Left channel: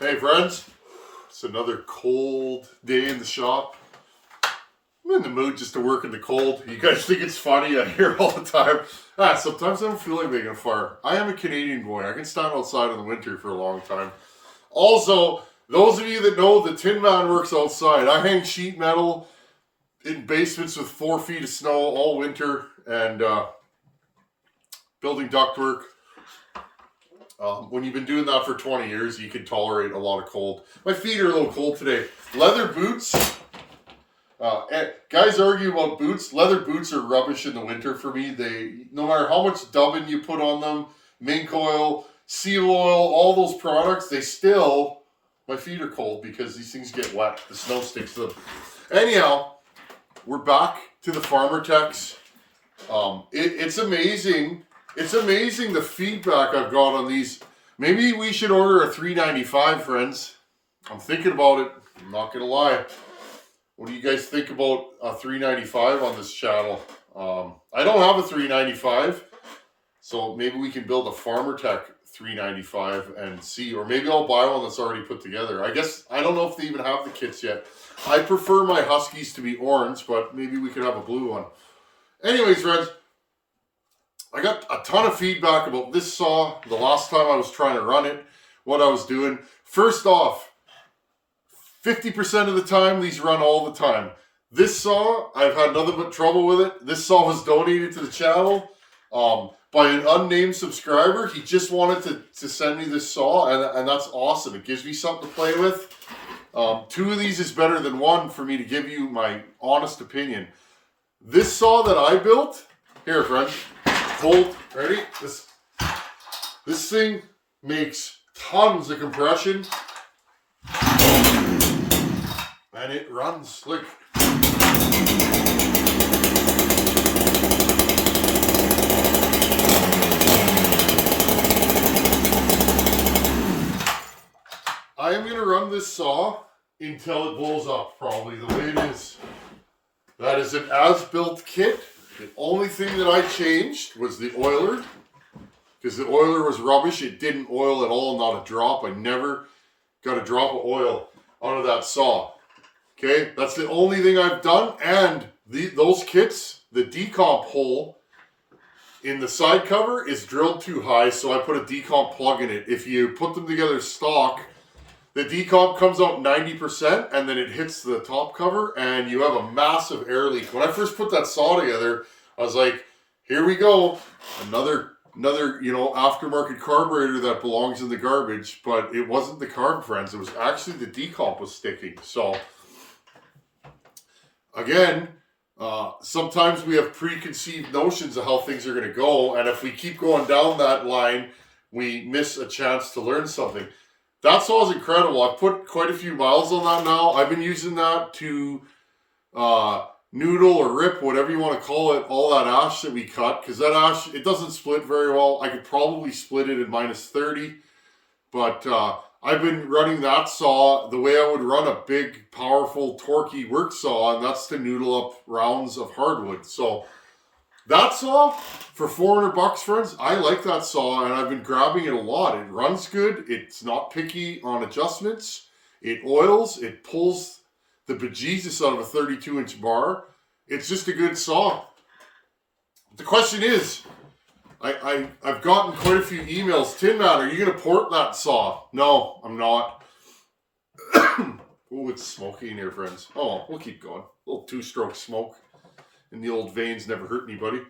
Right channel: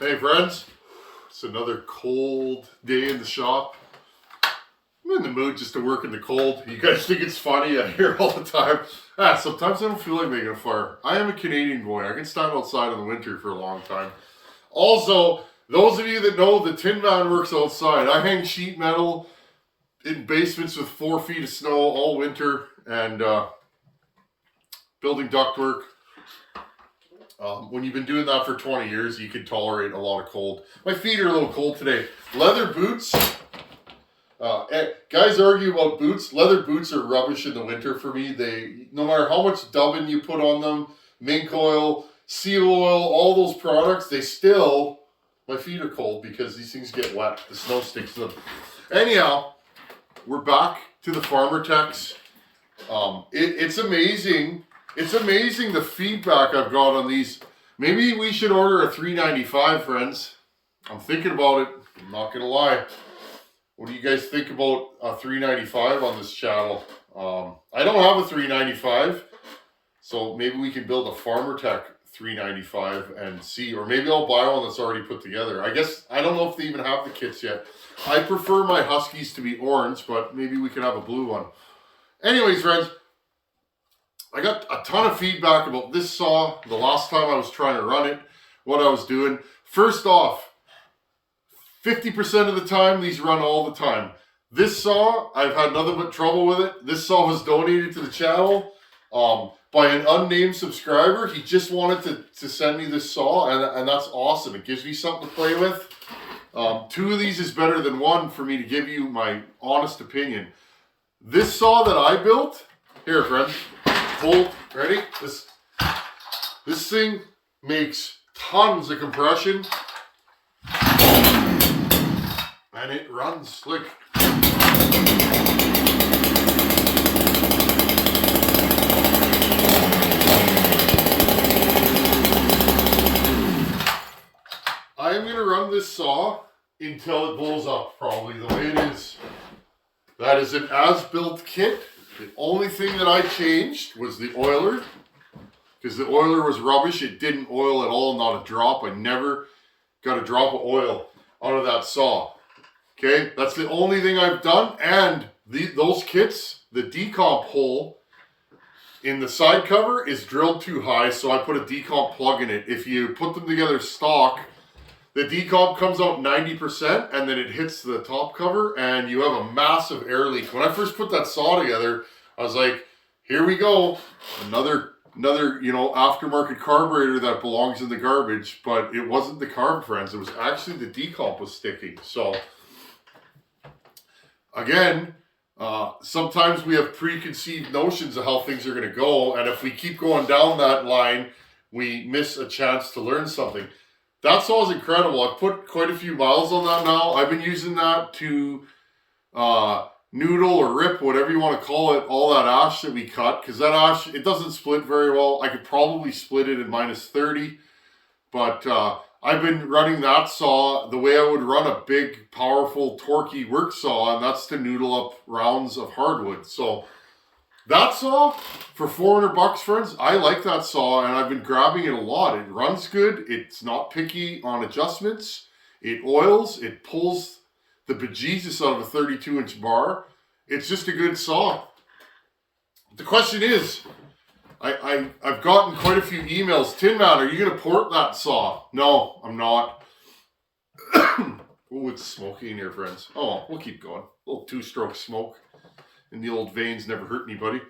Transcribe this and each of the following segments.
Hey friends, it's another cold day in the shop. I'm in the mood just to work in the cold. You guys think it's funny? I hear all the time. Sometimes I don't feel like making a fire. I am a Canadian boy. I can stand outside in the winter for a long time. Also, those of you that know the Tin Man works outside. I hang sheet metal in basements with 4 feet of snow all winter and building ductwork. When you've been doing that for 20 years, you can tolerate a lot of cold. My feet are a little cold today. Leather boots. Guys argue about boots. Leather boots are rubbish in the winter for me. No matter how much dubbing you put on them, mink oil, seal oil, all those products, my feet are cold because these things get wet. The snow sticks to them. Anyhow, we're back to the Farmertecs. It's amazing. It's amazing the feedback I've got on these. Maybe we should order a $3.95, friends. I'm thinking about it. I'm not going to lie. What do you guys think about a $3.95 on this channel? I don't have a $3.95, so maybe we can build a Farmertec $3.95 and see, or maybe I'll buy one that's already put together. I don't know if they even have the kits yet. I prefer my Huskies to be orange, but maybe we could have a blue one. Anyways, friends, I got a ton of feedback about this saw the last time I was trying to run it, what I was doing. First off, 50% of the time, these run all the time. This saw, I've had nothing but trouble with it. This saw was donated to the channel by an unnamed subscriber. He just wanted to send me this saw, and that's awesome. It gives me something to play with. 2 of these is better than 1 for me to give you my honest opinion. This saw that I built, here, friends. Hold, ready? This thing makes tons of compression and it runs slick. I am going to run this saw until it blows up, probably the way it is. That is an as-built kit. The only thing that I changed was the oiler, because the oiler was rubbish. It didn't oil at all, not a drop. I never got a drop of oil out of that saw. Okay, that's the only thing I've done. And those kits, the decomp hole in the side cover is drilled too high, so I put a decomp plug in it. If you put them together stock, the decomp comes out 90% and then it hits the top cover and you have a massive air leak. When I first put that saw together, I was like, here we go. Another aftermarket carburetor that belongs in the garbage, but it wasn't the carb, friends. It was actually the decomp was sticking. So again, sometimes we have preconceived notions of how things are going to go. And if we keep going down that line, we miss a chance to learn something. That saw is incredible. I've put quite a few miles on that now. I've been using that to noodle or rip, whatever you want to call it, all that ash that we cut. Because that ash, it doesn't split very well. I could probably split it at -30. But I've been running that saw the way I would run a big, powerful, torquey work saw. And that's to noodle up rounds of hardwood. So that saw, for $400, friends, I like that saw, and I've been grabbing it a lot. It runs good. It's not picky on adjustments. It oils. It pulls the bejesus out of a 32-inch bar. It's just a good saw. The question is, I've gotten quite a few emails. Tin Man, are you going to port that saw? No, I'm not. Oh, it's smoky in here, friends. Oh, we'll keep going. A little 2-stroke smoke. And the old veins never hurt anybody.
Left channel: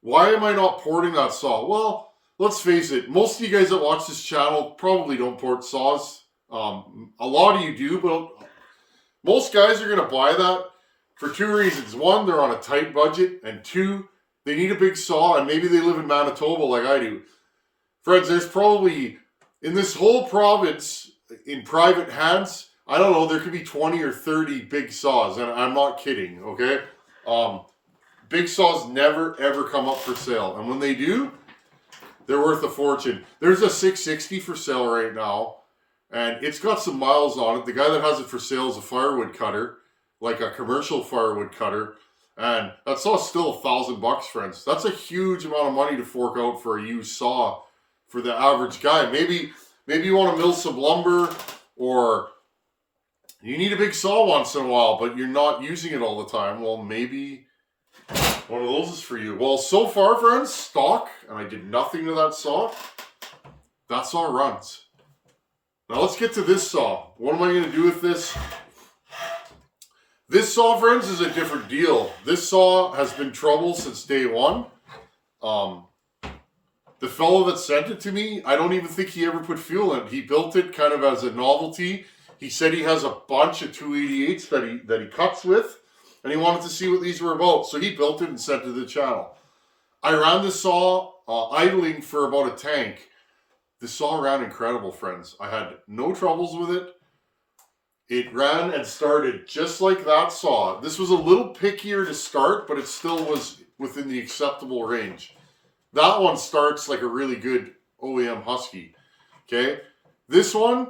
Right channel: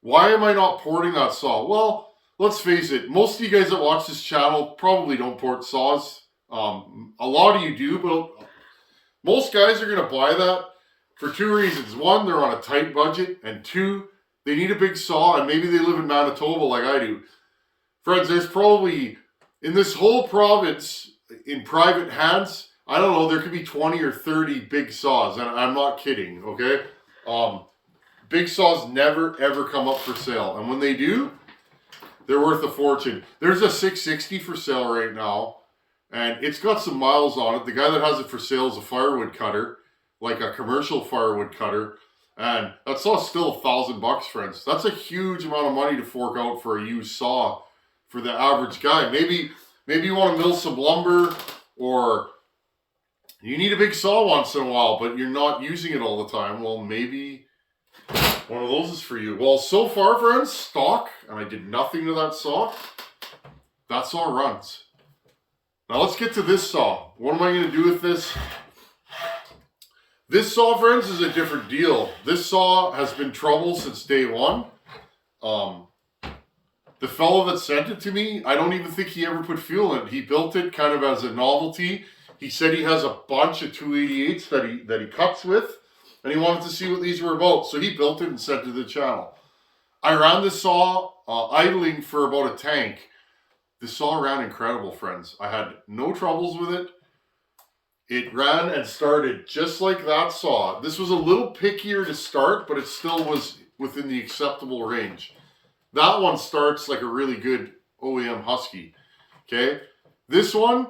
Why am I not porting that saw? Well, let's face it. Most of you guys that watch this channel probably don't port saws. A lot of you do, but most guys are going to buy that for 2 reasons. 1, they're on a tight budget. And 2, they need a big saw, and maybe they live in Manitoba like I do. Friends, there's probably, in this whole province, in private hands, I don't know, there could be 20 or 30 big saws. And I'm not kidding, okay? Big saws never ever come up for sale, and when they do, they're worth a fortune. There's a 660 for sale right now, and it's got some miles on it. The guy that has it for sale is a firewood cutter, like a commercial firewood cutter, and that saw's still $1,000, friends. That's a huge amount of money to fork out for a used saw for the average guy. Maybe maybe you want to mill some lumber, or you need a big saw once in a while, but you're not using it all the time. Well, maybe one of those is for you. Well, so far, friends, stock, and I did nothing to that saw. That saw runs. Now let's get to this saw. What am I going to do with this? This saw, friends, is a different deal. This saw has been trouble since day one. The fellow that sent it to me, I don't even think he ever put fuel in it. He built it kind of as a novelty. He said he has a bunch of 288s that he cuts with, and he wanted to see what these were about. So he built it and sent it to the channel. I ran the saw idling for about a tank. The saw ran incredible, friends. I had no troubles with it. It ran and started just like that saw. This was a little pickier to start, but it still was within the acceptable range. That one starts like a really good OEM Husky. Okay? This one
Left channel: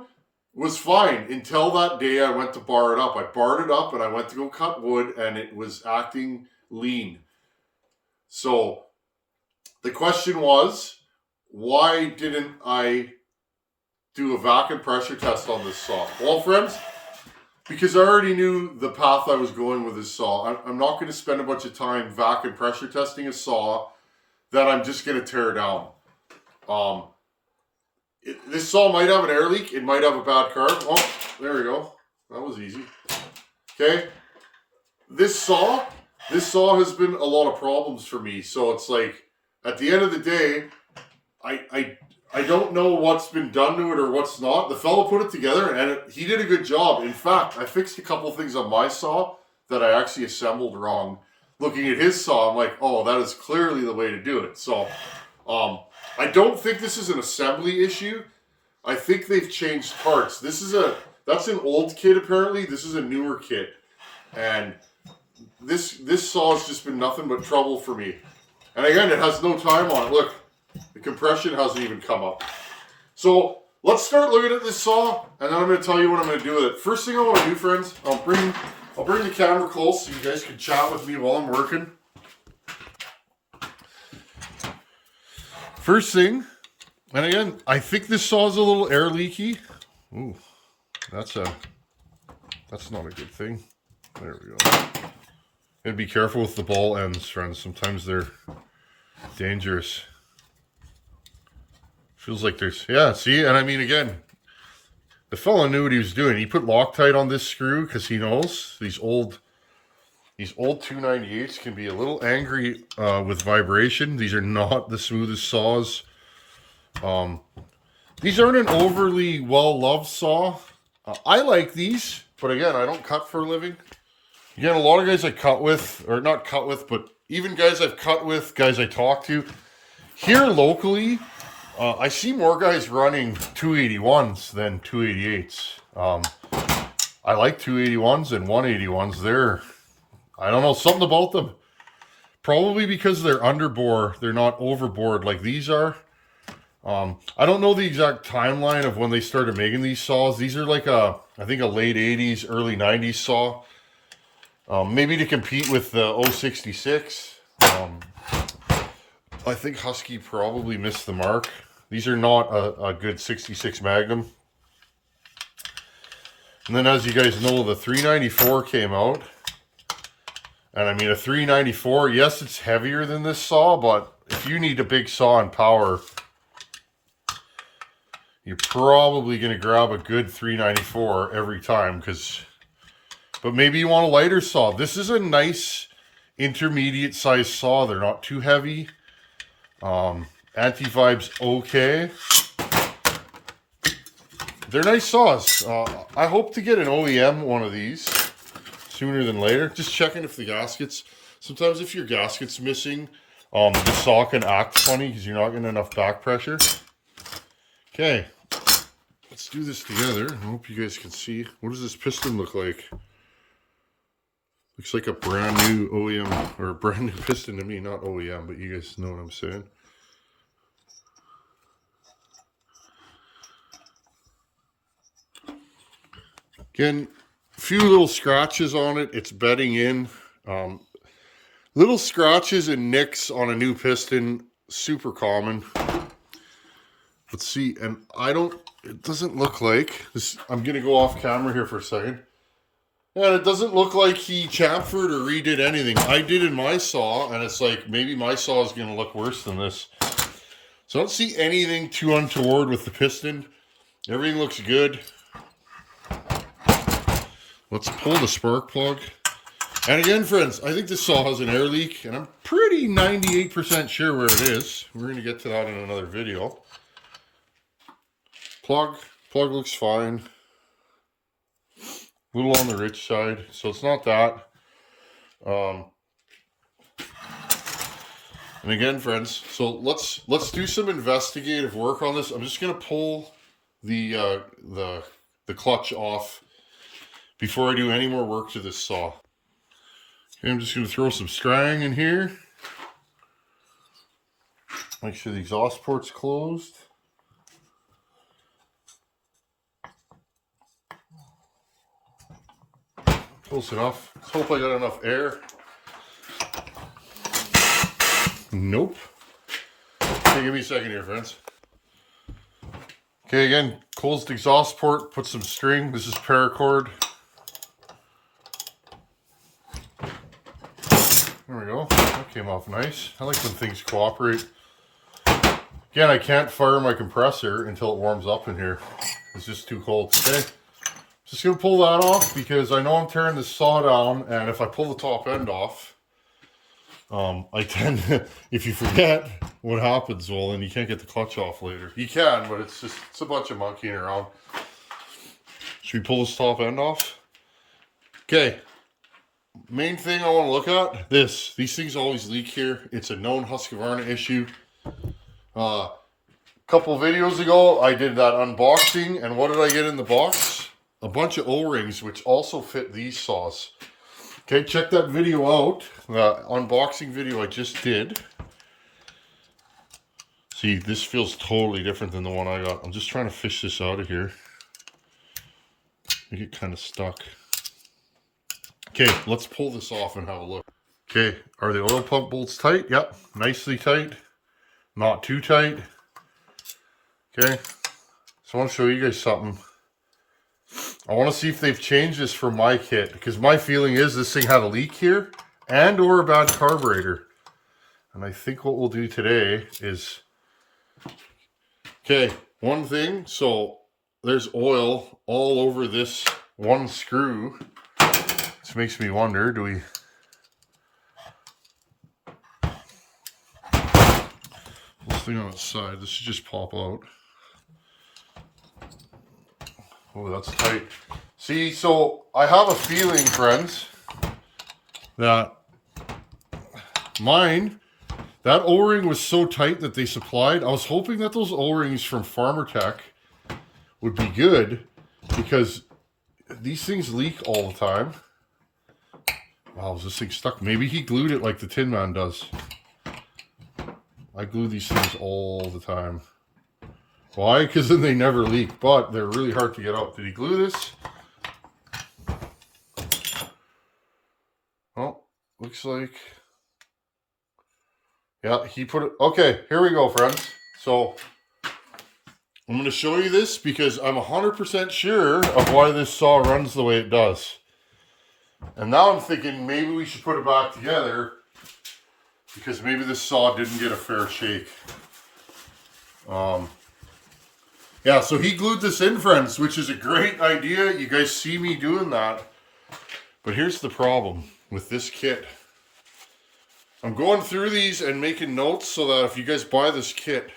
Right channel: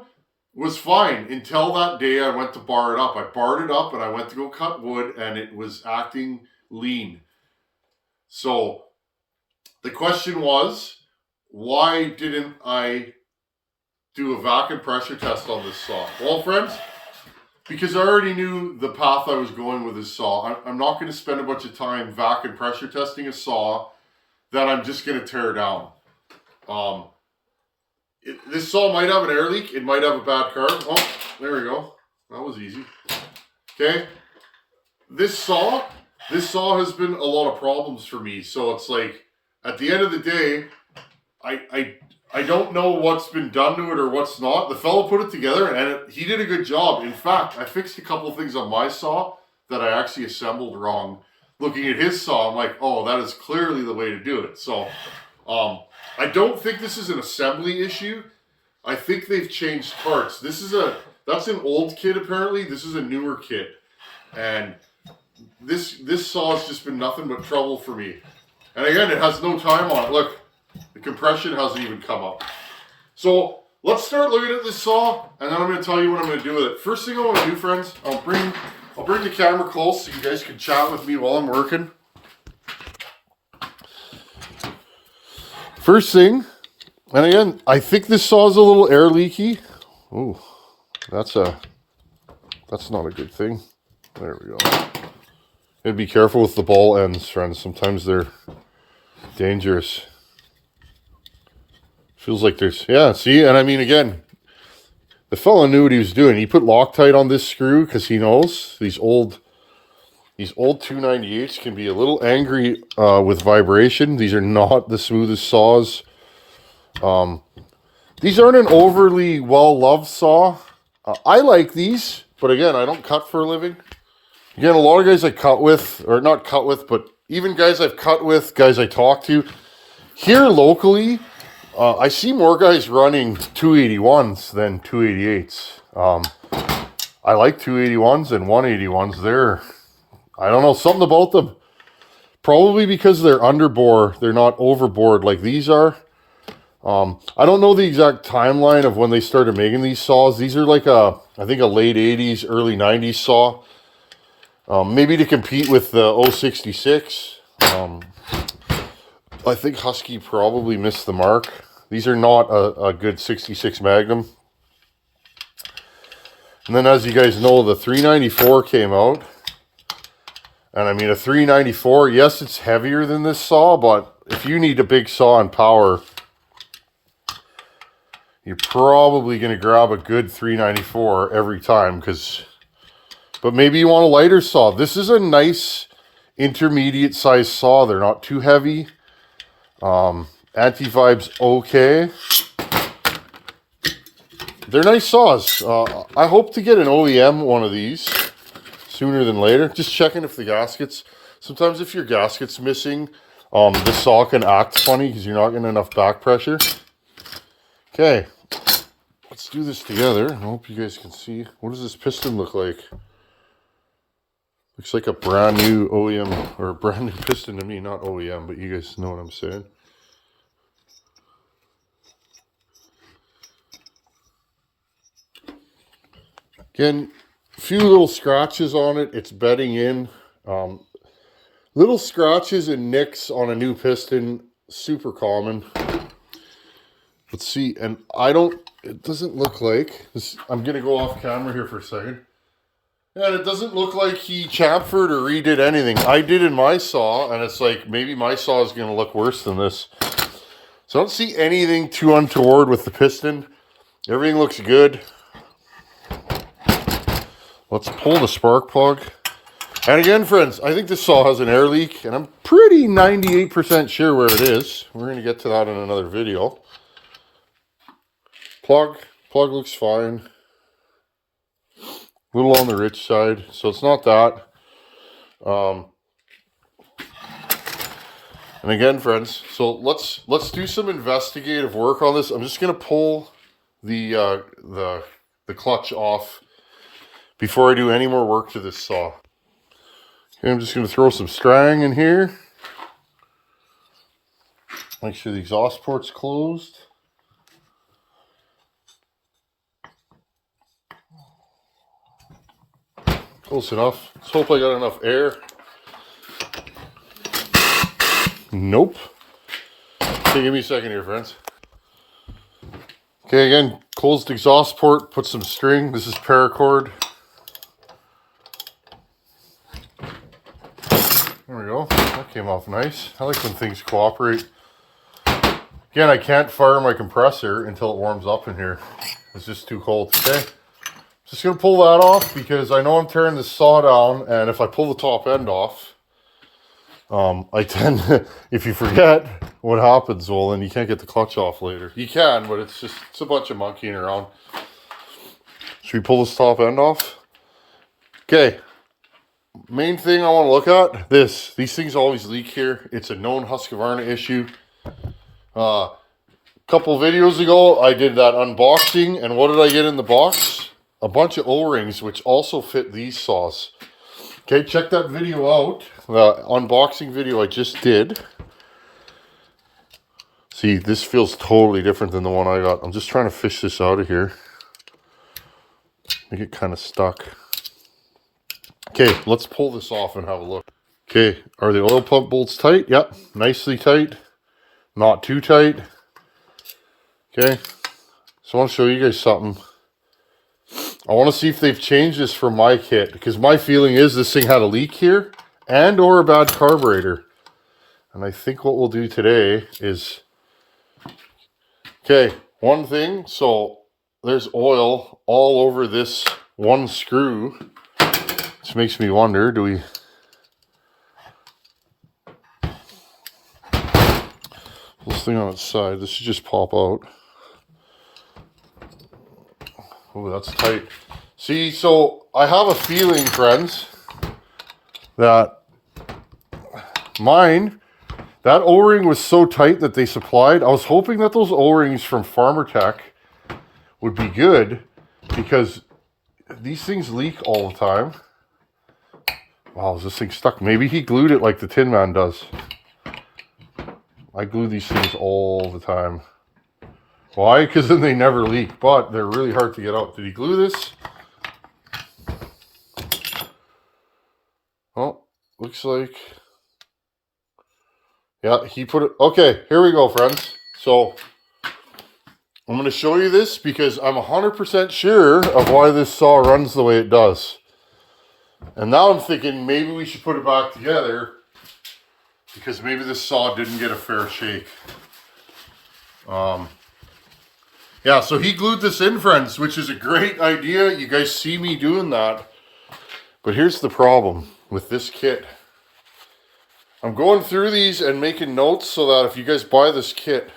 was fine until that day I went to bar it up. I barred it up and I went to go cut wood and it was acting lean. So the question was, why didn't I do a vacuum pressure test on this saw? Well, friends, because I already knew the path I was going with this saw. I'm not going to spend a bunch of time vacuum pressure testing a saw that I'm just going to tear down. This saw might have an air leak. It might have a bad carb. Oh, there we go. That was easy. Okay. This saw has been a lot of problems for me. So it's like, at the end of the day, I don't know what's been done to it or what's not. The fellow put it together and he did a good job. In fact, I fixed a couple of things on my saw that I actually assembled wrong. Looking at his saw, I'm like, oh, that is clearly the way to do it. So I don't think this is an assembly issue. I think they've changed parts. That's an old kit apparently. This is a newer kit. And this saw has just been nothing but trouble for me. And again, it has no time on it. Look, the compression hasn't even come up. So let's start looking at this saw, and then I'm going to tell you what I'm going to do with it. First thing I want to do, friends, I'll bring the camera close so you guys can chat with me while I'm working. First thing, and again, I think this saw is a little air leaky. Oh, that's not a good thing. There we go. Gotta be careful with the ball ends, friends. Sometimes they're dangerous. Feels like there's, yeah, see, and I mean, again, the fella knew what he was doing. He put Loctite on this screw because he knows these old 298s can be a little angry with vibration. These are not the smoothest saws. These aren't an overly well-loved saw. I like these, but again, I don't cut for a living. Again, a lot of guys I cut with, or not cut with, but even guys I've cut with, guys I talk to, here locally, I see more guys running 281s than 288s. I like 281s and 181s. I don't know, something about them. Probably because they're underbore, they're not overboard like these are. I don't know the exact timeline of when they started making these saws. These are like I think a late 80s, early 90s saw. Maybe to compete with the 066. I think Husky probably missed the mark. These are not a good 66 Magnum. And then as you guys know, the 394 came out. And I mean, a 394, yes, it's heavier than this saw, but if you need a big saw and power, you're probably going to grab a good 394 every time. But maybe you want a lighter saw. This is a nice intermediate size saw. They're not too heavy. Anti-vibe's okay. They're nice saws. I hope to get an OEM one of these sooner than later. Just checking if the gaskets, sometimes if your gasket's missing, the saw can act funny because you're not getting enough back pressure. Okay, let's do this together. I hope you guys can see. What does this piston look like? Looks like a brand new OEM, or a brand new piston to me, not OEM, but you guys know what I'm saying. Again, a few little scratches on it. It's bedding in. Little scratches and nicks on a new piston, super common. Let's see, and I don't it doesn't look like this. I'm gonna go off camera here for a second. And it doesn't look like he chamfered or redid anything. I did in my saw, and it's like maybe my saw is gonna look worse than this. So I don't see anything too untoward with the piston. Everything looks good. Let's pull the spark plug. And again, friends, I think this saw has an air leak, and I'm pretty 98% sure where it is. We're going to get to that in another video. Plug looks fine. A little on the rich side, so it's not that. And again, friends, so let's do some investigative work on this. I'm just going to pull the clutch off before I do any more work to this saw. Okay, I'm just going to throw some strang in here. Make sure the exhaust port's closed. Close enough. Let's hope I got enough air. Nope. Okay, give me a second here, friends. Okay, again, closed exhaust port, put some string. This is paracord. There we go. That came off nice. I like when things cooperate. Again, I can't fire my compressor until it warms up in here. It's just too cold. Okay. Just going to pull that off because I know I'm tearing this saw down, and if I pull the top end off, I tend to, if you forget what happens, well, then you can't get the clutch off later. You can, but it's a bunch of monkeying around. Should we pull this top end off? Okay. Main thing I want to look at, these things always leak here. It's a known Husqvarna issue. Couple videos ago, I did that unboxing, and what did I get in the box? A bunch of O-rings, which also fit these saws. Okay, check that video out, the unboxing video I just did. See, this feels totally different than the one I got. I'm just trying to fish this out of here. I get kind of stuck. Okay, let's pull this off and have a look. Okay, are the oil pump bolts tight? Yep, nicely tight. Not too tight. Okay, so I want to show you guys something. I want to see if they've changed this for my kit, because my feeling is this thing had a leak here and or a bad carburetor. And I think what we'll do today is, okay, one thing, so there's oil all over this one screw, which makes me wonder, do we, this thing on its side, this should just pop out. Oh, that's tight. See, so I have a feeling, friends, that mine, that O-ring was so tight that they supplied. I was hoping that those O-rings from Farmertec would be good, because these things leak all the time. Wow, is this thing stuck? Maybe he glued it like the Tin Man does. I glue these things all the time. Why? Because then they never leak, but they're really hard to get out. Did he glue this? Oh, looks like... yeah, he put it... okay, here we go, friends. So, I'm going to show you this because I'm 100% sure of why this saw runs the way it does. And now I'm thinking maybe we should put it back together because maybe this saw didn't get a fair shake. Yeah, so he glued this in, friends, which is a great idea. You guys see me doing that. But here's the problem with this kit. I'm going through these and making notes so that if you guys buy this kit,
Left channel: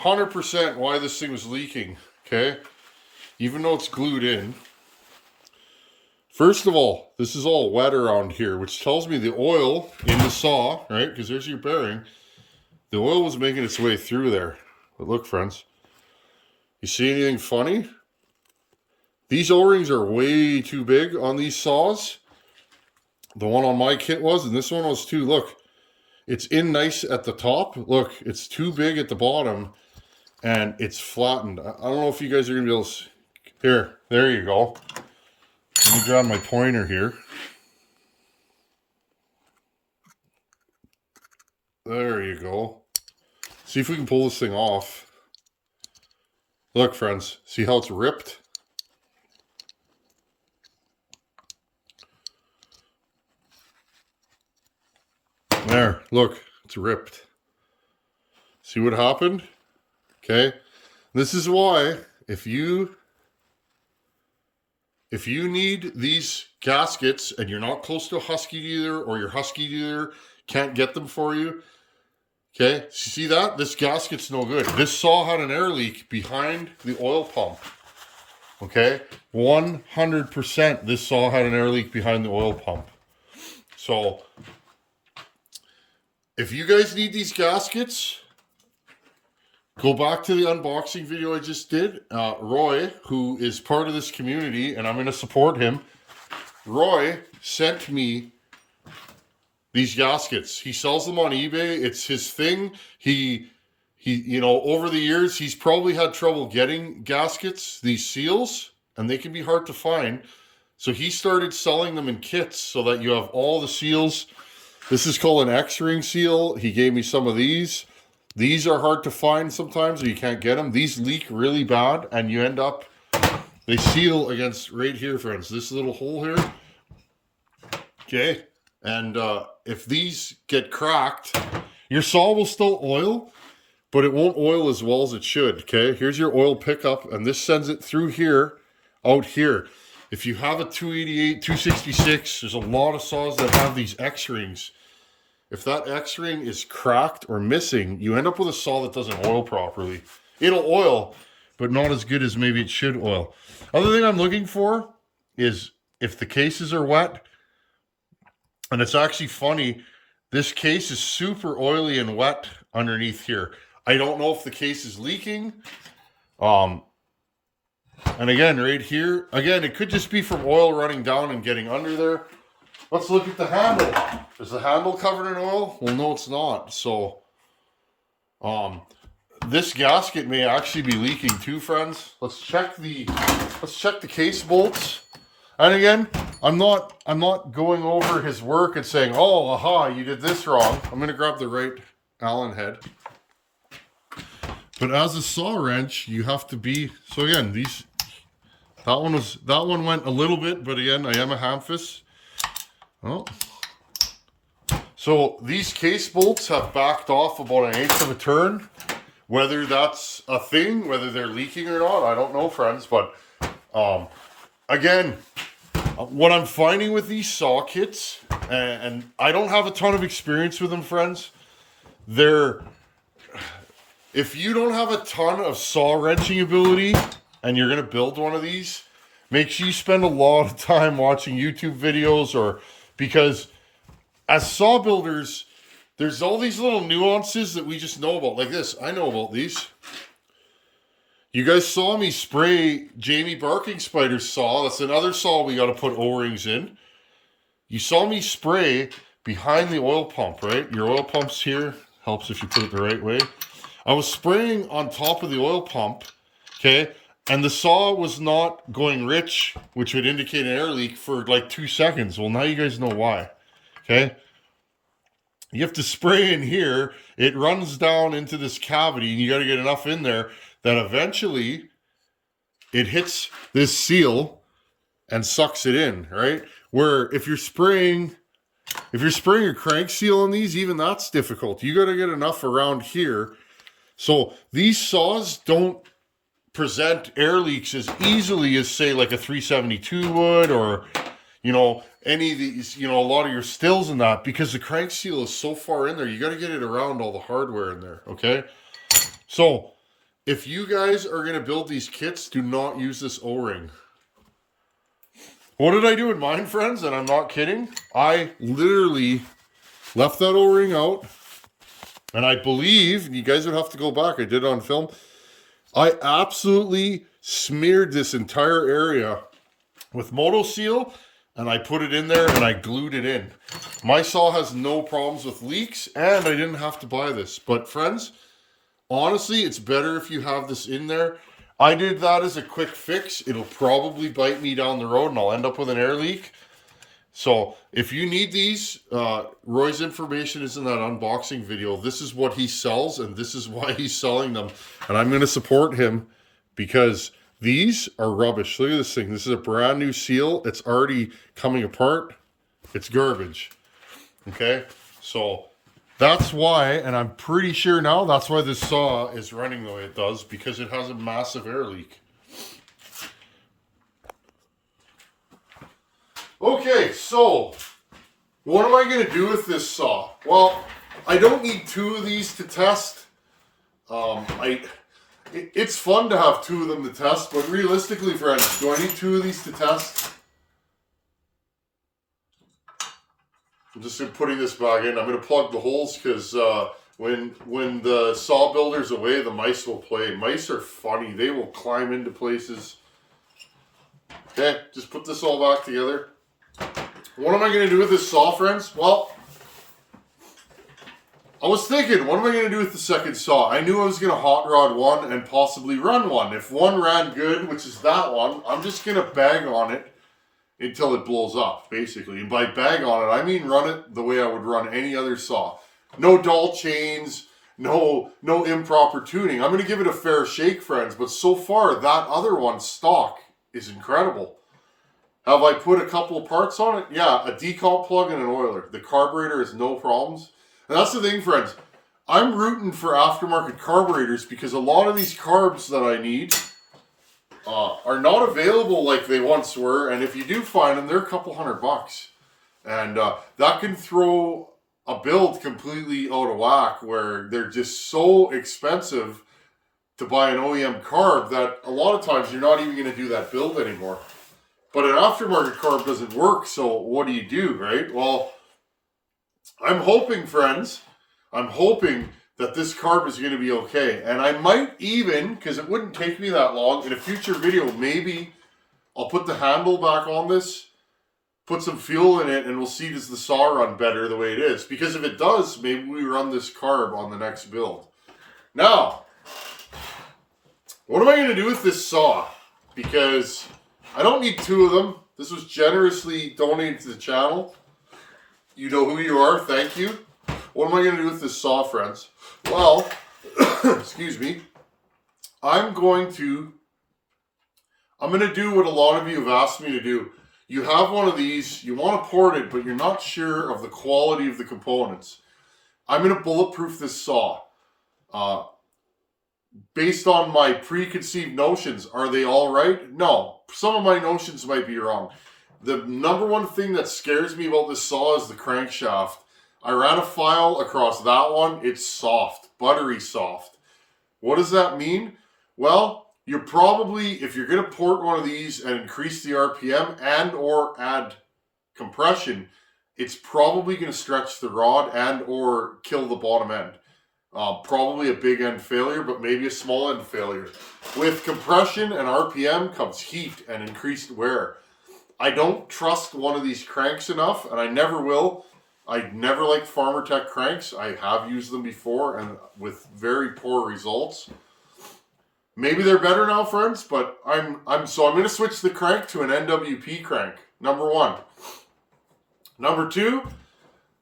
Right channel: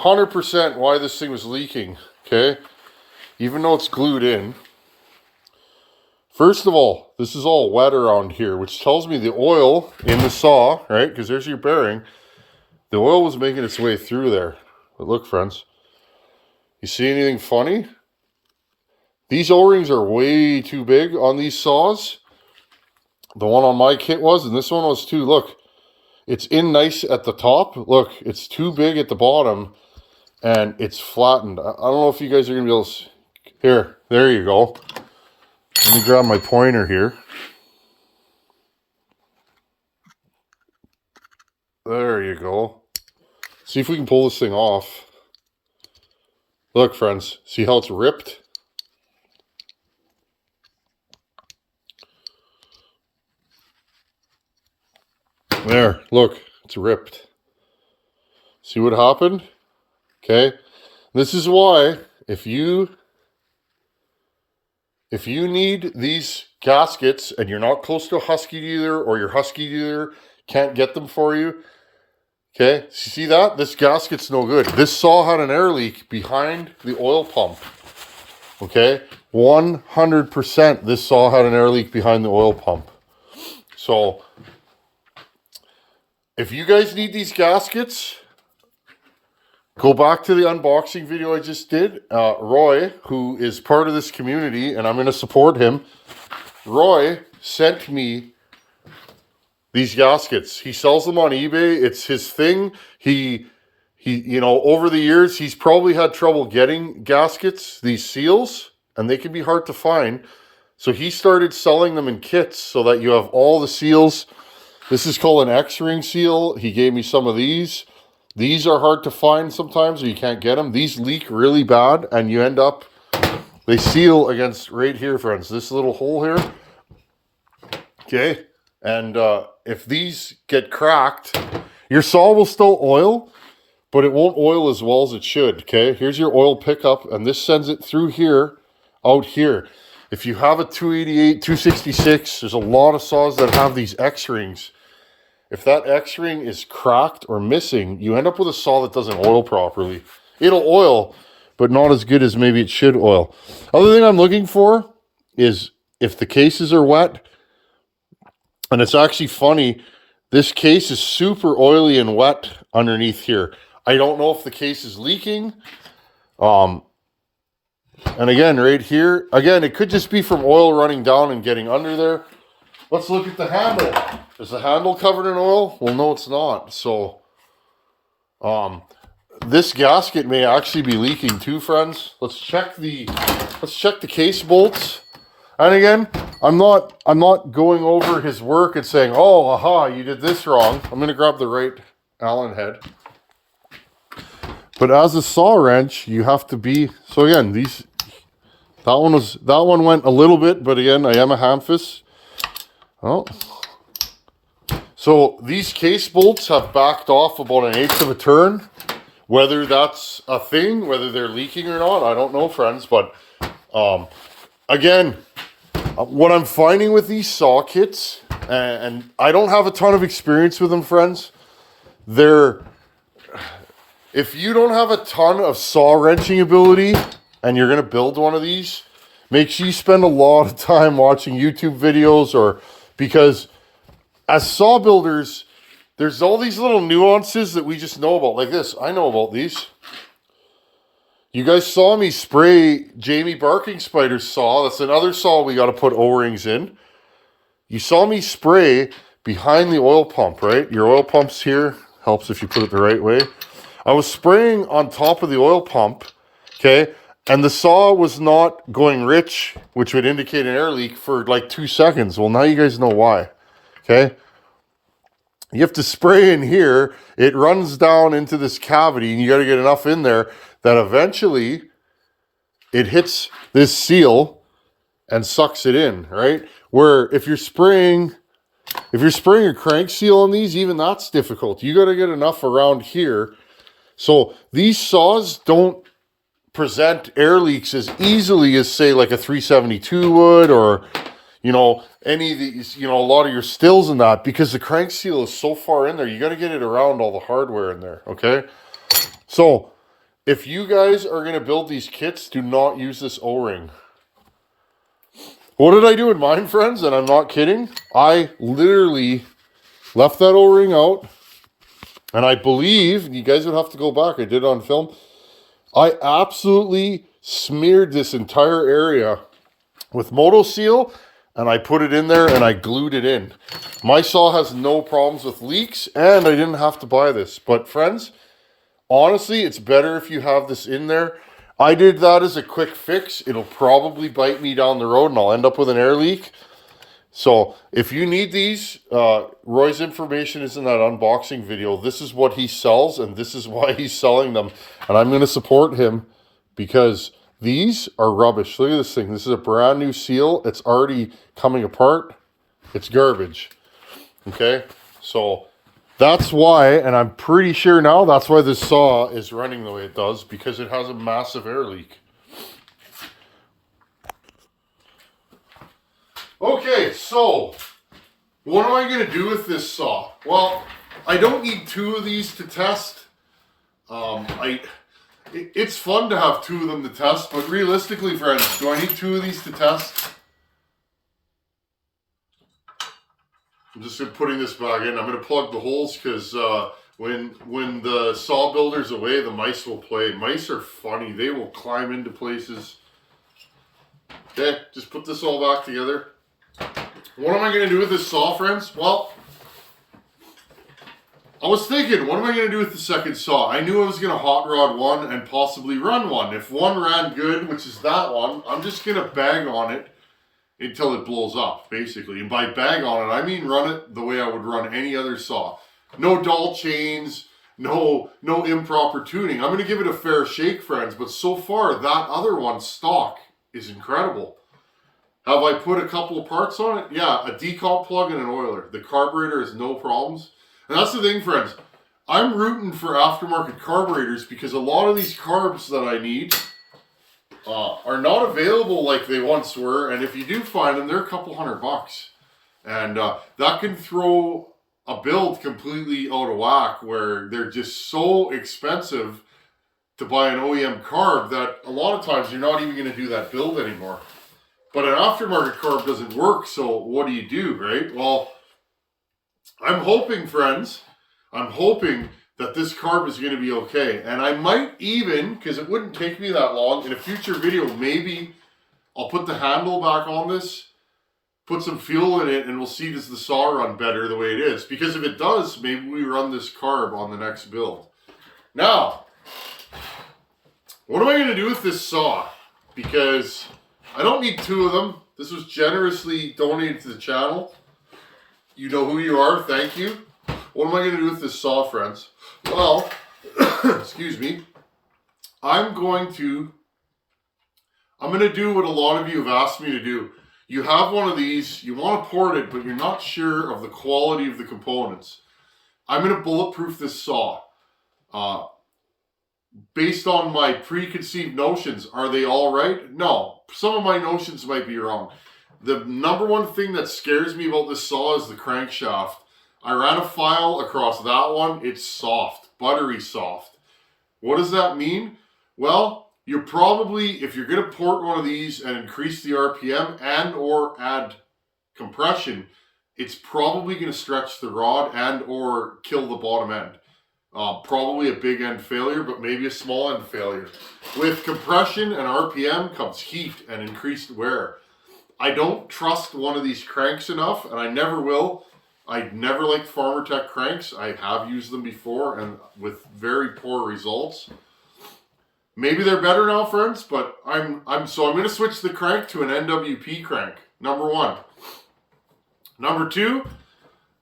100% why this thing was leaking, okay? Even though it's glued in. First of all, this is all wet around here, which tells me the oil in the saw, right? Because there's your bearing. The oil was making its way through there. But look, friends. You see anything funny? These O-rings are way too big on these saws. The one on my kit was, and this one was too. Look, it's in nice at the top. Look, it's too big at the bottom, and it's flattened. I don't know if you guys are going to be able to... here, there you go. Let me grab my pointer here. There you go. See if we can pull this thing off. Look, friends, see how it's ripped? There, look, it's ripped. See what happened? Okay. This is why if you need these gaskets and you're not close to a Husky dealer, or your Husky dealer can't get them for you, okay, see that? This gasket's no good. This saw had an air leak behind the oil pump. Okay, 100% this saw had an air leak behind the oil pump. So if you guys need these gaskets, go back to the unboxing video I just did. Roy, who is part of this community, and I'm going to support him, Roy sent me these gaskets. He sells them on eBay. It's his thing. He you know, over the years, he's probably had trouble getting gaskets, these seals, and they can be hard to find. So he started selling them in kits so that you have all the seals. This is called an X-ring seal. He gave me some of these. These are hard to find sometimes, or you can't get them. These leak really bad, and you end up, they seal against right here, friends, this little hole here. Okay, and if these get cracked, your saw will still oil, but it won't oil as well as it should. Okay, here's your oil pickup, and this sends it through here, out here. If you have a 288, 266, there's a lot of saws that have these X-rings. If that X-ring is cracked or missing, you end up with a saw that doesn't oil properly. It'll oil, but not as good as maybe it should oil. Other thing I'm looking for is if the cases are wet, and it's actually funny, this case is super oily and wet underneath here. I don't know if the case is leaking. And again, right here, again, it could just be from oil running down and getting under there. Let's look at the handle. Is the handle covered in oil? Well, no, it's not. So, this gasket may actually be leaking too, friends. Let's check the case bolts. And again, I'm not going over his work and saying, oh, aha, you did this wrong. I'm going to grab the right Allen head. But as a saw wrench, you have to be, so again, that one went a little bit, but again, I am a Hamfist. Oh. So these case bolts have backed off about 1/8 of a turn. Whether that's a thing, whether they're leaking or not, I don't know, friends. But again, what I'm finding with these saw kits, and I don't have a ton of experience with them, friends, if you don't have a ton of saw wrenching ability and you're going to build one of these, make sure you spend a lot of time watching YouTube videos, or because as saw builders, there's all these little nuances that we just know about. Like this, I know about these. You guys saw me spray Jamie Barking Spider's saw. That's another saw we got to put O-rings in. You saw me spray behind the oil pump, right? Your oil pump's here. Helps if you put it the right way. I was spraying on top of the oil pump, okay? And the saw was not going rich, which would indicate an air leak, for like 2 seconds. Well, now you guys know why, okay? You have to spray in here. It runs down into this cavity, and you got to get enough in there that eventually it hits this seal and sucks it in, right? Where if you're spraying a crank seal on these, even that's difficult. You got to get enough around here. So these saws don't present air leaks as easily as, say, like a 372 would, or, you know, any of these, you know, a lot of your stills and that, because the crank seal is so far in there. You got to get it around all the hardware in there, okay? So if you guys are going to build these kits, do not use this O-ring. What did I do in mine, friends? And I'm not kidding. I literally left that O-ring out. And I believe, and you guys would have to go back, I did it on film, I absolutely smeared this entire area with Moto Seal, and I put it in there and I glued it in. My saw has no problems with leaks, and I didn't have to buy this. But friends, honestly, it's better if you have this in there. I did that as a quick fix. It'll probably bite me down the road and I'll end up with an air leak. So if you need these, Roy's information is in that unboxing video. This is what he sells, and this is why he's selling them. And I'm going to support him because these are rubbish. Look at this thing. This is a brand new seal. It's already coming apart. It's garbage. Okay, so that's why, and I'm pretty sure now that's why this saw is running the way it does, because it has a massive air leak. Okay, so what am I going to do with this saw? Well, I don't need two of these to test. It's fun to have two of them to test, but realistically, friends, do I need two of these to test? I'm just putting this back in. I'm going to plug the holes because when the saw builder's away, the mice will play. Mice are funny. They will climb into places. Okay, just put this all back together. What am I going to do with this saw, friends? Well, I was thinking, what am I going to do with the second saw? I knew I was going to hot rod one and possibly run one. If one ran good, which is that one, I'm just going to bag on it until it blows up, basically. And by bag on it, I mean run it the way I would run any other saw. No dull chains, no improper tuning. I'm going to give it a fair shake, friends, but so far, that other one, stock, is incredible. Have I put a couple of parts on it? Yeah, a decomp plug and an oiler. The carburetor is no problems. And that's the thing, friends. I'm rooting for aftermarket carburetors because a lot of these carbs that I need are not available like they once were. And if you do find them, they're a couple $100. And that can throw a build completely out of whack where they're just so expensive to buy an OEM carb that a lot of times you're not even going to do that build anymore. But an aftermarket carb doesn't work, so what do, right? Well, I'm hoping, friends, that this carb is going to be okay. And I might even, because it wouldn't take me that long, in a future video, maybe I'll put the handle back on this, put some fuel in it, and we'll see does the saw run better the way it is. Because if it does, maybe we run this carb on the next build. Now, what am I going to do with this saw? Because I don't need two of them. This was generously donated to the channel. You know who you are. Thank you. What am I going to do with this saw, friends? Well, excuse me. I'm going to do what a lot of you have asked me to do. You have one of these, you want to port it, but you're not sure of the quality of the components. I'm going to bulletproof this saw. Based on my preconceived notions, are they all right? No. Some of my notions might be wrong. The number one thing that scares me about this saw is the crankshaft. I ran a file across that one. It's soft, buttery soft. What does that mean? Well, you're probably, if you're going to port one of these and increase the RPM and or add compression, it's probably going to stretch the rod and or kill the bottom end. Probably a big end failure, but maybe a small end failure. With compression and RPM comes heat and increased wear. I don't trust one of these cranks enough, and I never will. I never liked Farmertec cranks. I have used them before, and with very poor results. Maybe they're better now, friends, but I'm going to switch the crank to an NWP crank. Number one. Number two,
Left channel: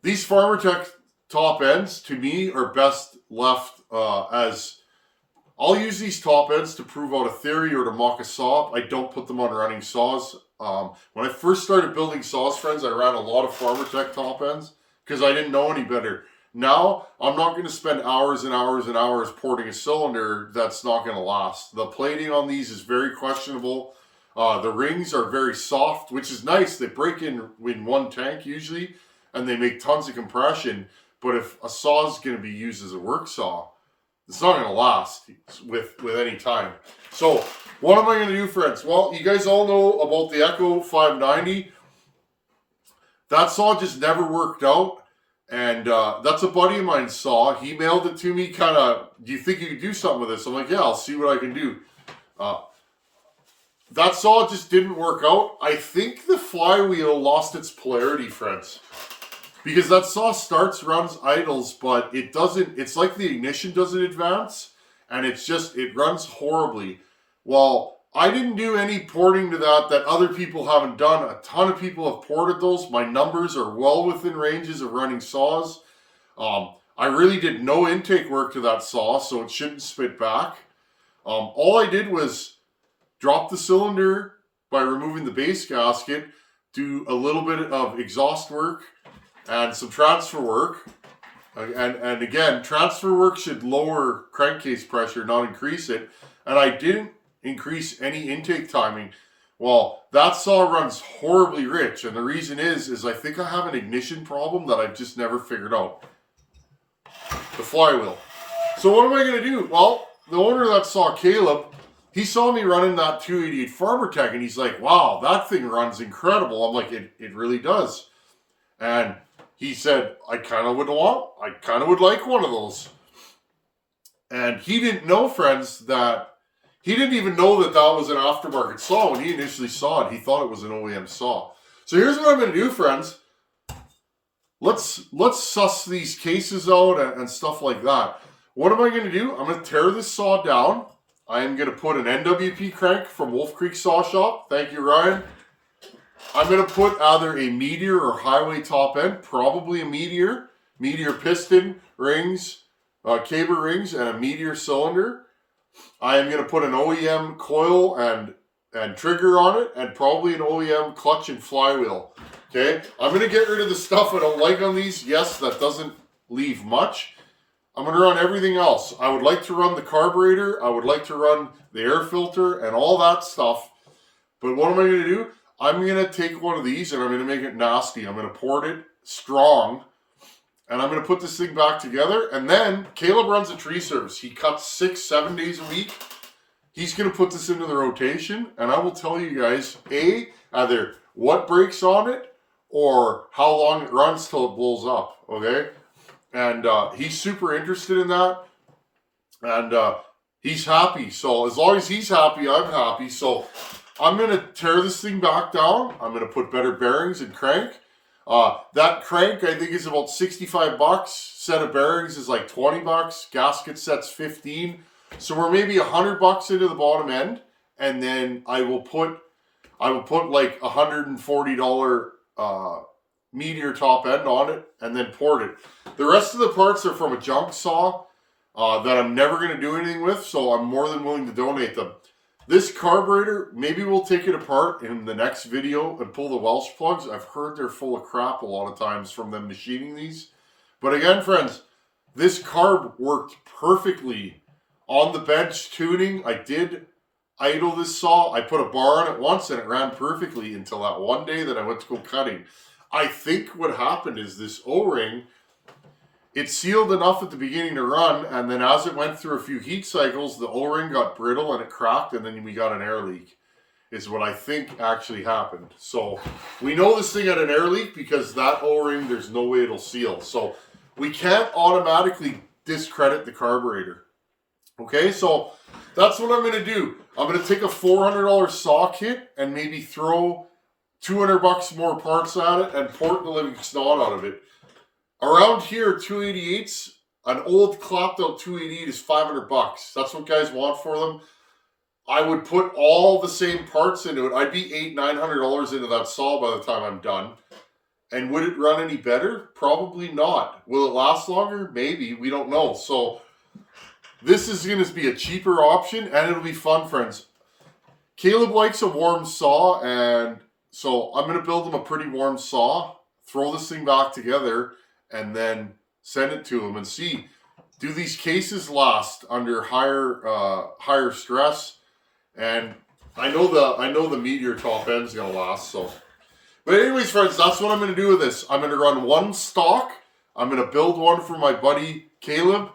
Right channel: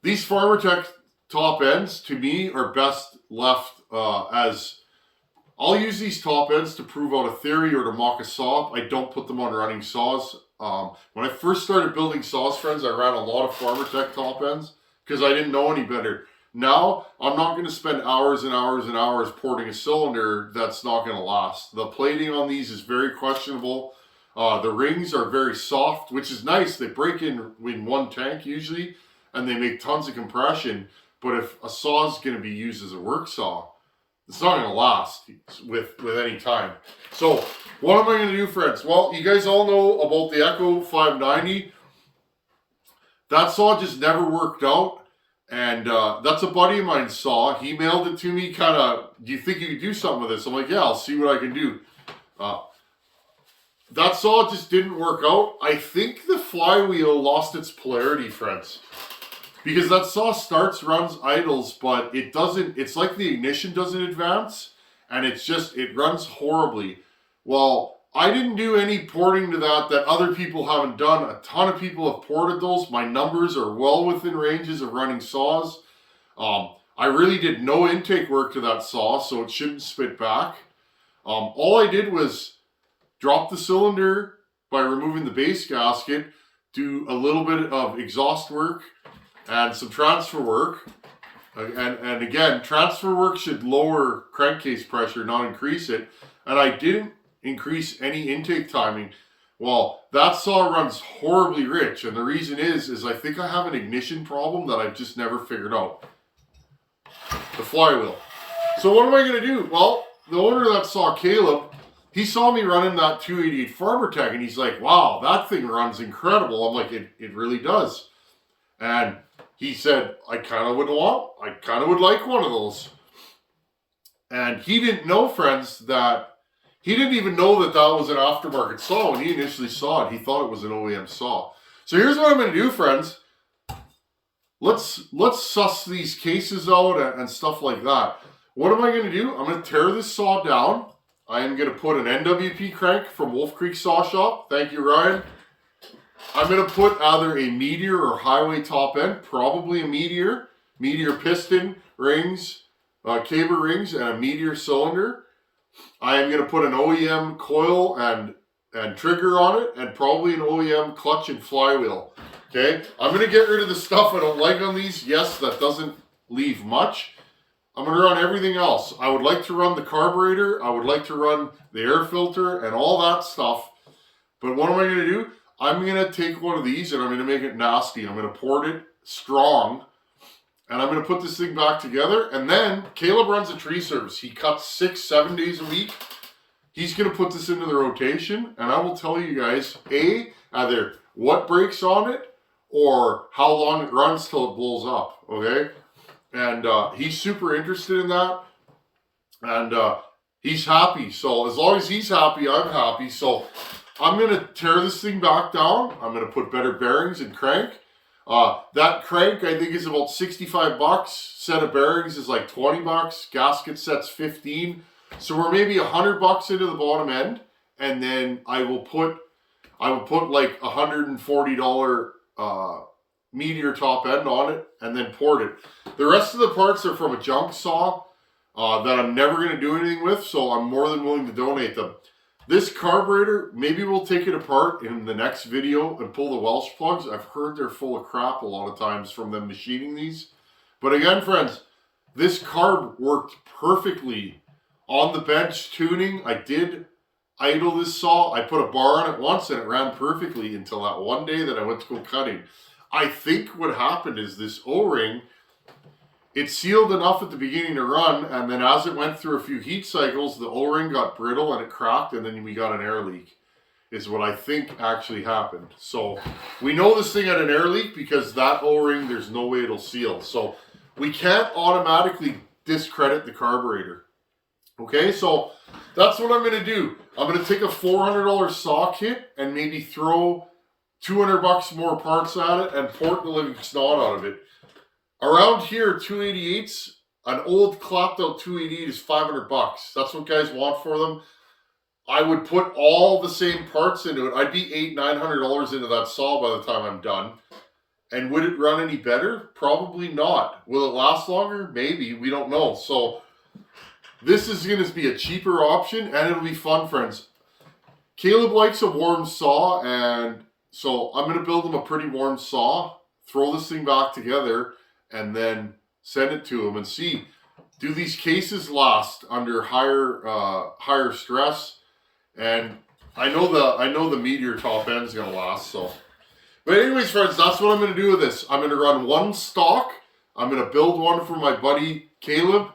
these Farmertec top ends, to me, are best left as... I'll use these top ends to prove out a theory or to mock a saw up. I don't put them on running saws. When I first started building saws, friends, I ran a lot of Farmertec top ends because I didn't know any better. Now, I'm not going to spend hours and hours and hours porting a cylinder that's not going to last. The plating on these is very questionable. The rings are very soft, which is nice. They break in one tank usually, and they make tons of compression. But if a saw is going to be used as a work saw, it's not going to last with any time. So, what am I going to do, friends? Well, you guys all know about the Echo 590. That saw just never worked out. And that's a buddy of mine's saw. He mailed it to me kind of, do you think you could do something with this? I'm like, yeah, I'll see what I can do. That saw just didn't work out. I think the flywheel lost its polarity, friends. Because that saw starts, runs, idles, but it doesn't, it's like the ignition doesn't advance, and it runs horribly. Well, I didn't do any porting to that other people haven't done. A ton of people have ported those. My numbers are well within ranges of running saws. I really did no intake work to that saw, so it shouldn't spit back. All I did was drop the cylinder by removing the base gasket, do a little bit of exhaust work and some transfer work. And again, transfer work should lower crankcase pressure, not increase it. And I didn't increase any intake timing. Well, that saw runs horribly rich. And the reason is I think I have an ignition problem that I've just never figured out. The flywheel. So what am I going to do? Well, the owner that saw Caleb, he saw me running that 288 Farmertec, and he's like, wow, that thing runs incredible. I'm like, it really does. And he said, I kind of would like one of those. And he didn't know, friends, that he didn't even know that that was an aftermarket saw when he initially saw it. He thought it was an OEM saw. So here's what I'm going to do, friends. Let's suss these cases out and stuff like that. What am I going to do? I'm going to tear this saw down. I am going to put an NWP crank from Wolf Creek Saw Shop. Thank you, Ryan. I'm going to put either a Meteor or Highway top end, probably a Meteor. Meteor piston rings, caber rings, and a Meteor cylinder. I am going to put an OEM coil and trigger on it, and probably an OEM clutch and flywheel. Okay, I'm going to get rid of the stuff I don't like on these. Yes, that doesn't leave much. I'm going to run everything else. I would like to run the carburetor. I would like to run the air filter and all that stuff. But what am I going to do? I'm going to take one of these and I'm going to make it nasty. I'm going to port it strong. And I'm going to put this thing back together. And then Caleb runs a tree service. He cuts 6-7 days a week. He's going to put this into the rotation. And I will tell you guys, either what breaks on it or how long it runs till it blows up. Okay? And he's super interested in that. And he's happy. So as long as he's happy, I'm happy. So I'm going to tear this thing back down. I'm going to put better bearings and crank. That crank, I think, is about $65. Set of bearings is like $20. Gasket set's $15. So we're maybe $100 into the bottom end. And then I will put like $140 Meteor top end on it and then port it. The rest of the parts are from a junk saw that I'm never going to do anything with. So I'm more than willing to donate them. This carburetor, maybe we'll take it apart in the next video and pull the Welsh plugs. I've heard they're full of crap a lot of times from them machining these. But again, friends, this carb worked perfectly on the bench tuning. I did idle this saw. I put a bar on it once and it ran perfectly until that one day that I went to go cutting. I think what happened is this O-ring, it sealed enough at the beginning to run, and then as it went through a few heat cycles, the O-ring got brittle and it cracked, and then we got an air leak, is what I think actually happened. So we know this thing had an air leak because that O-ring, there's no way it'll seal. So we can't automatically discredit the carburetor. Okay, so that's what I'm going to do. I'm going to take a $400 saw kit and maybe throw $200 more parts at it and port the living snot out of it. Around here, 288s, an old clapped out 288 is $500. That's what guys want for them. I would put all the same parts into it. I'd be $800-900 into that saw by the time I'm done. And would it run any better? Probably not. Will it last longer? Maybe. We don't know. So this is going to be a cheaper option, and it'll be fun, friends. Caleb likes a warm saw, and so I'm going to build him a pretty warm saw, throw this thing back together, and then send it to him and see, do these cases last under higher stress? And I know the Meteor top end's going to last. So, but anyways, friends, that's what I'm going to do with this. I'm going to run one stock. I'm going to build one for my buddy Caleb.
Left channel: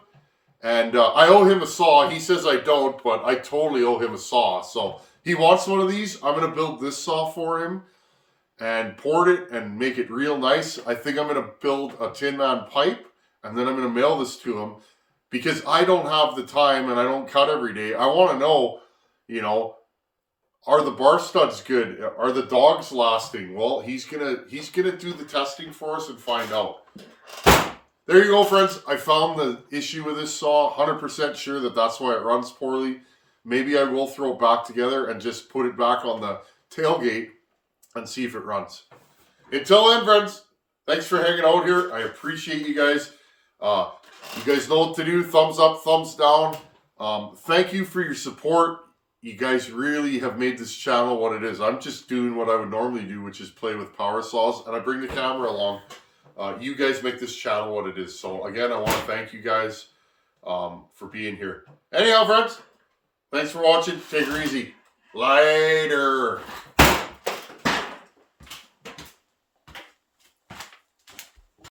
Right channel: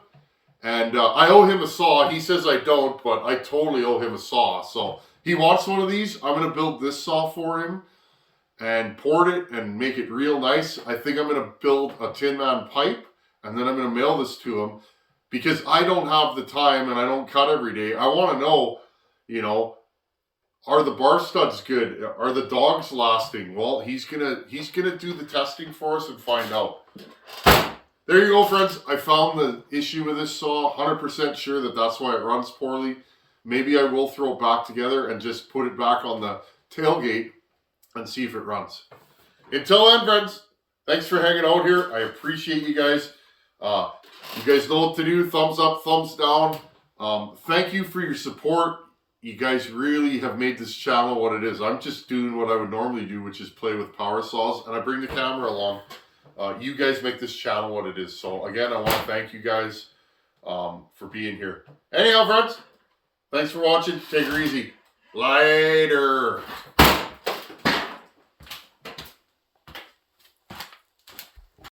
And I owe him a saw. He says I don't, but I totally owe him a saw. So he wants one of these. I'm going to build this saw for him and port it and make it real nice. I think I'm going to build a Tin Man pipe, and then I'm going to mail this to him because I don't have the time and I don't cut every day. I want to know, you know, are the bar studs good? Are the dogs lasting? Well, he's gonna do the testing for us and find out. There you go, friends. I found the issue with this saw. 100% sure that that's why it runs poorly. Maybe I will throw it back together and just put it back on the tailgate and see if it runs. Until then, friends, thanks for hanging out here. I appreciate you guys. You guys know what to do. Thumbs up, thumbs down. Thank you for your support. You guys really have made this channel what it is. I'm just doing what I would normally do, which is play with power saws, and I bring the camera along. You guys make this channel what it is. So again, I want to thank you guys for being here. Anyhow, friends, thanks for watching. Take her easy. Later.